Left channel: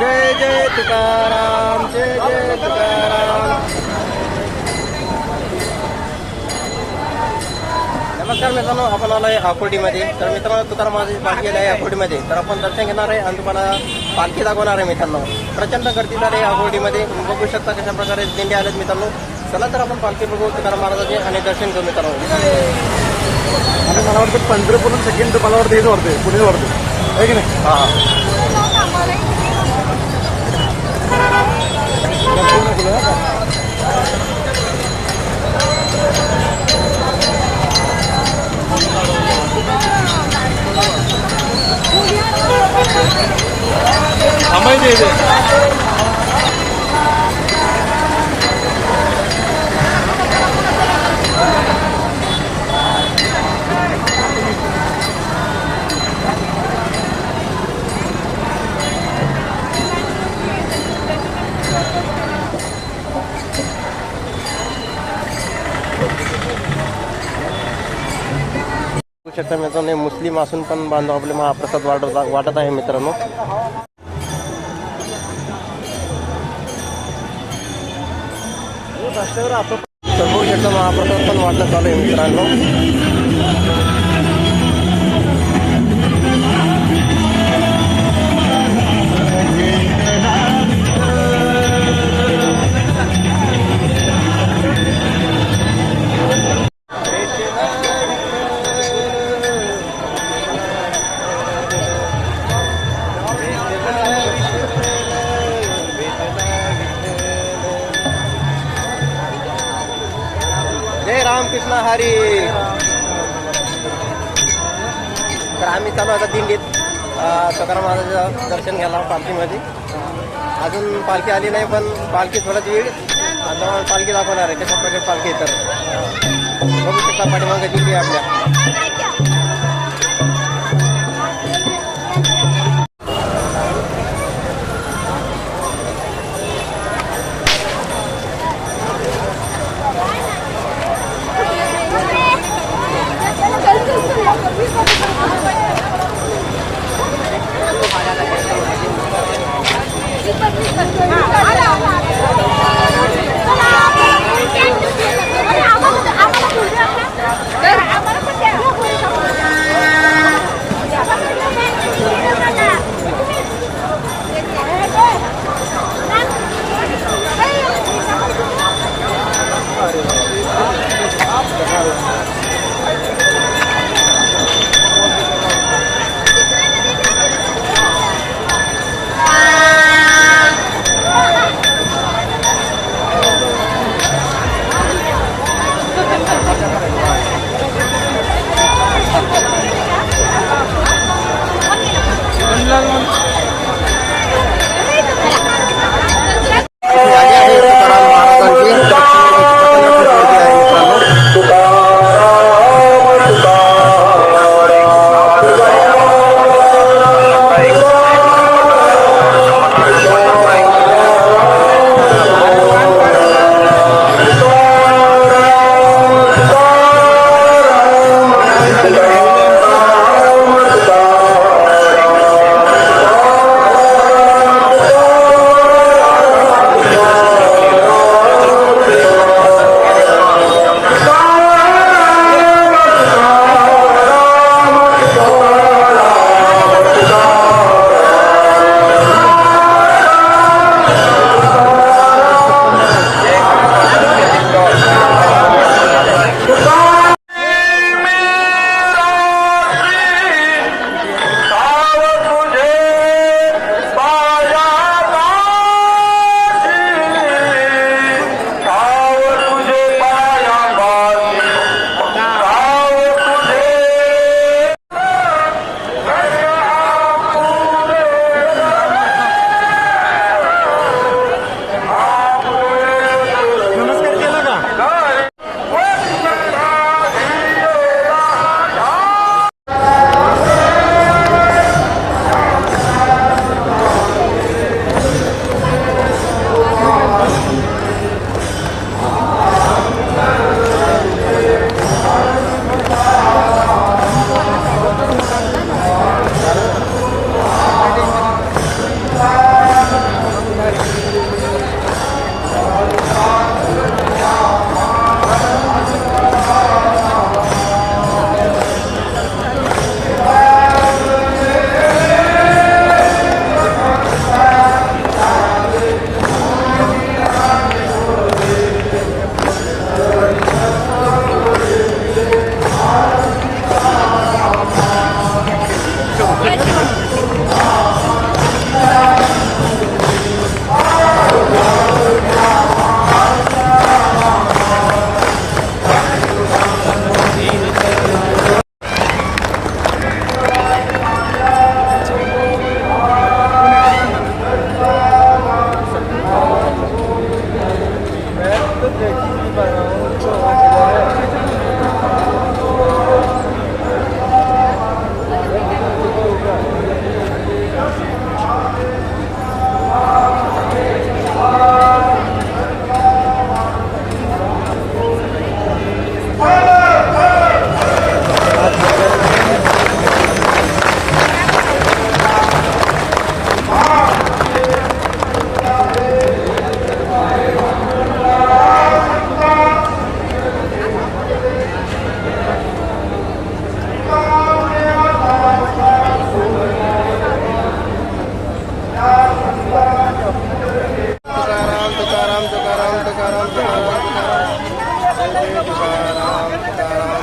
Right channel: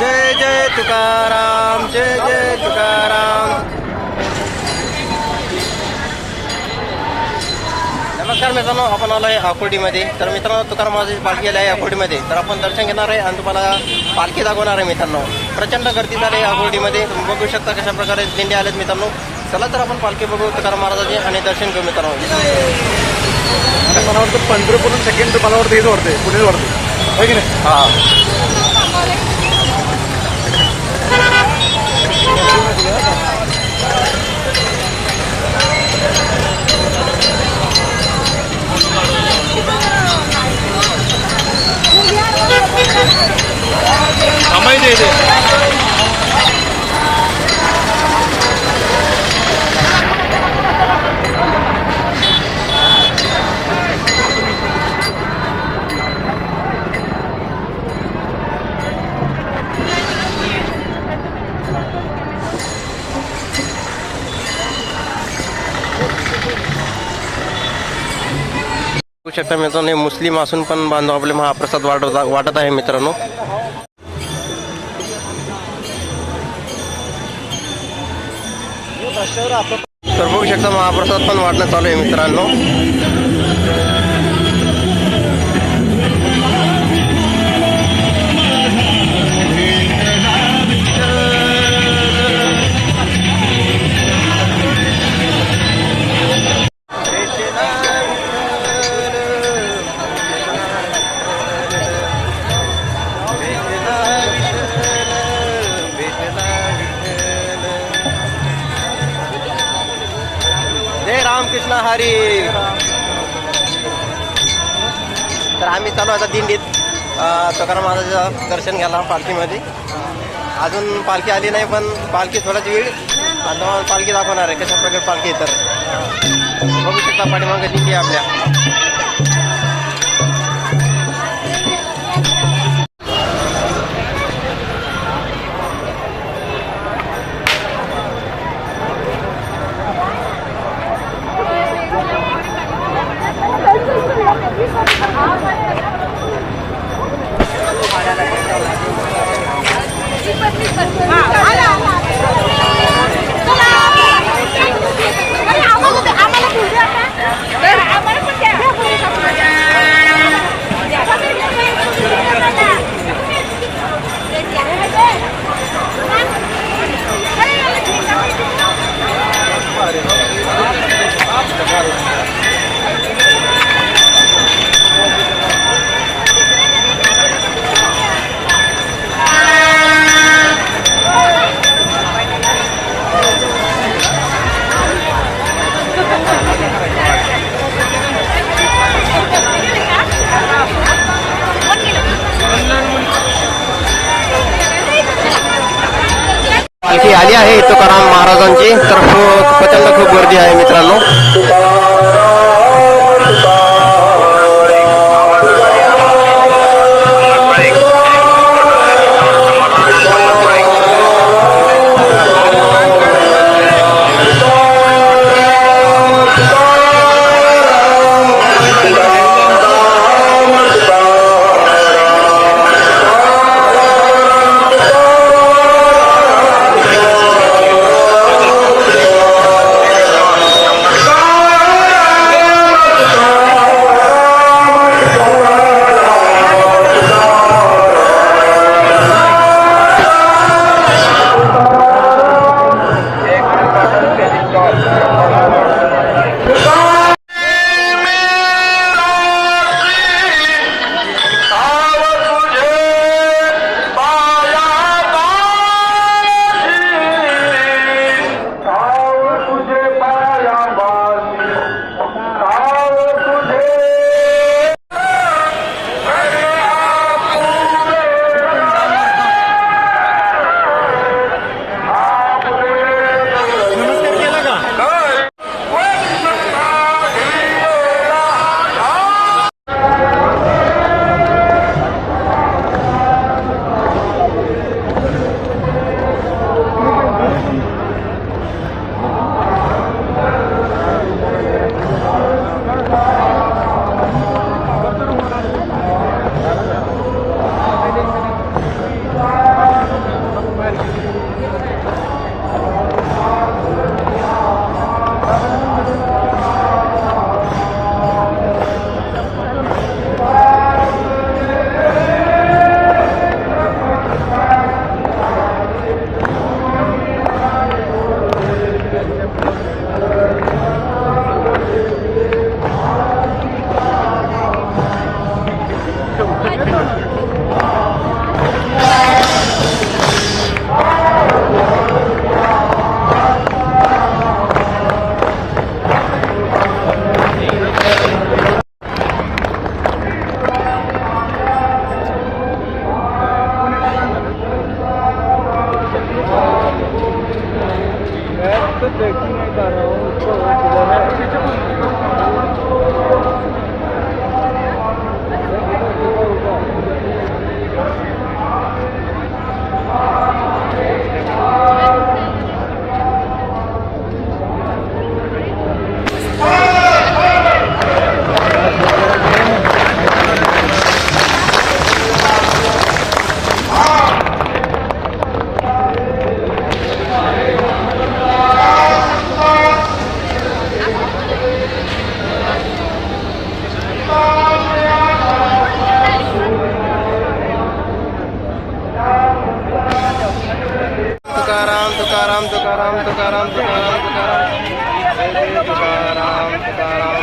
जय जय तुकाराम जय जय तुकाराम. नमस्कार मित्रांनो आपण आलो आहे आकुर्डीमध्ये. तर मित्रांनो तुकाराम महाराजांची पालखी आली आहे आकुर्डीमध्ये. तर आपण दर्शन घेणार आहे आणि तुम्हाला पालखी दाखवणार आहे मित्रांनो. प्रचंड गर्दी झाली आहे आकुर्डीमध्ये. तुम्ही बघू शकता कशा प्रकारे दिंडी आलेत मित्रांनो. चला तर आपण पालखी बघू तुकाराम महाराजांची आणि दर्शन घेऊ मित्रांनो. आणि मला वाटतं पंढरपूर सेकंड मला वाटतं हेच वाटते पुढेच वाटते होय की नाही? हा. इथे शकता मित्रांनो मुस्लिम असून पण बांधव आपले महाप्रसाद वाटत वाटत आहे मित्रांनो. तर बघू शकता महाप्रसाद पण वाटणं चालू आहे मित्रांनो. रामकृष्ण हरी. तर आम्ही चालू आता दिंडीत. तुकाराम महाराजाचं दर्शन घ्यायला पालखीमध्ये. अजून पालखी आली नाही पण पालखी थोडाच वेळ. आता पालखी दाखवणार आहे कशा प्रकारे पालखी तर बघू शकता पाठीमागं दिंडी आपल्या. 아래서 तुकाराम तुकाराम तुकाराम तुकाराम तुकाराम तुकाराम. जय जय तुकाराम तुकाराम.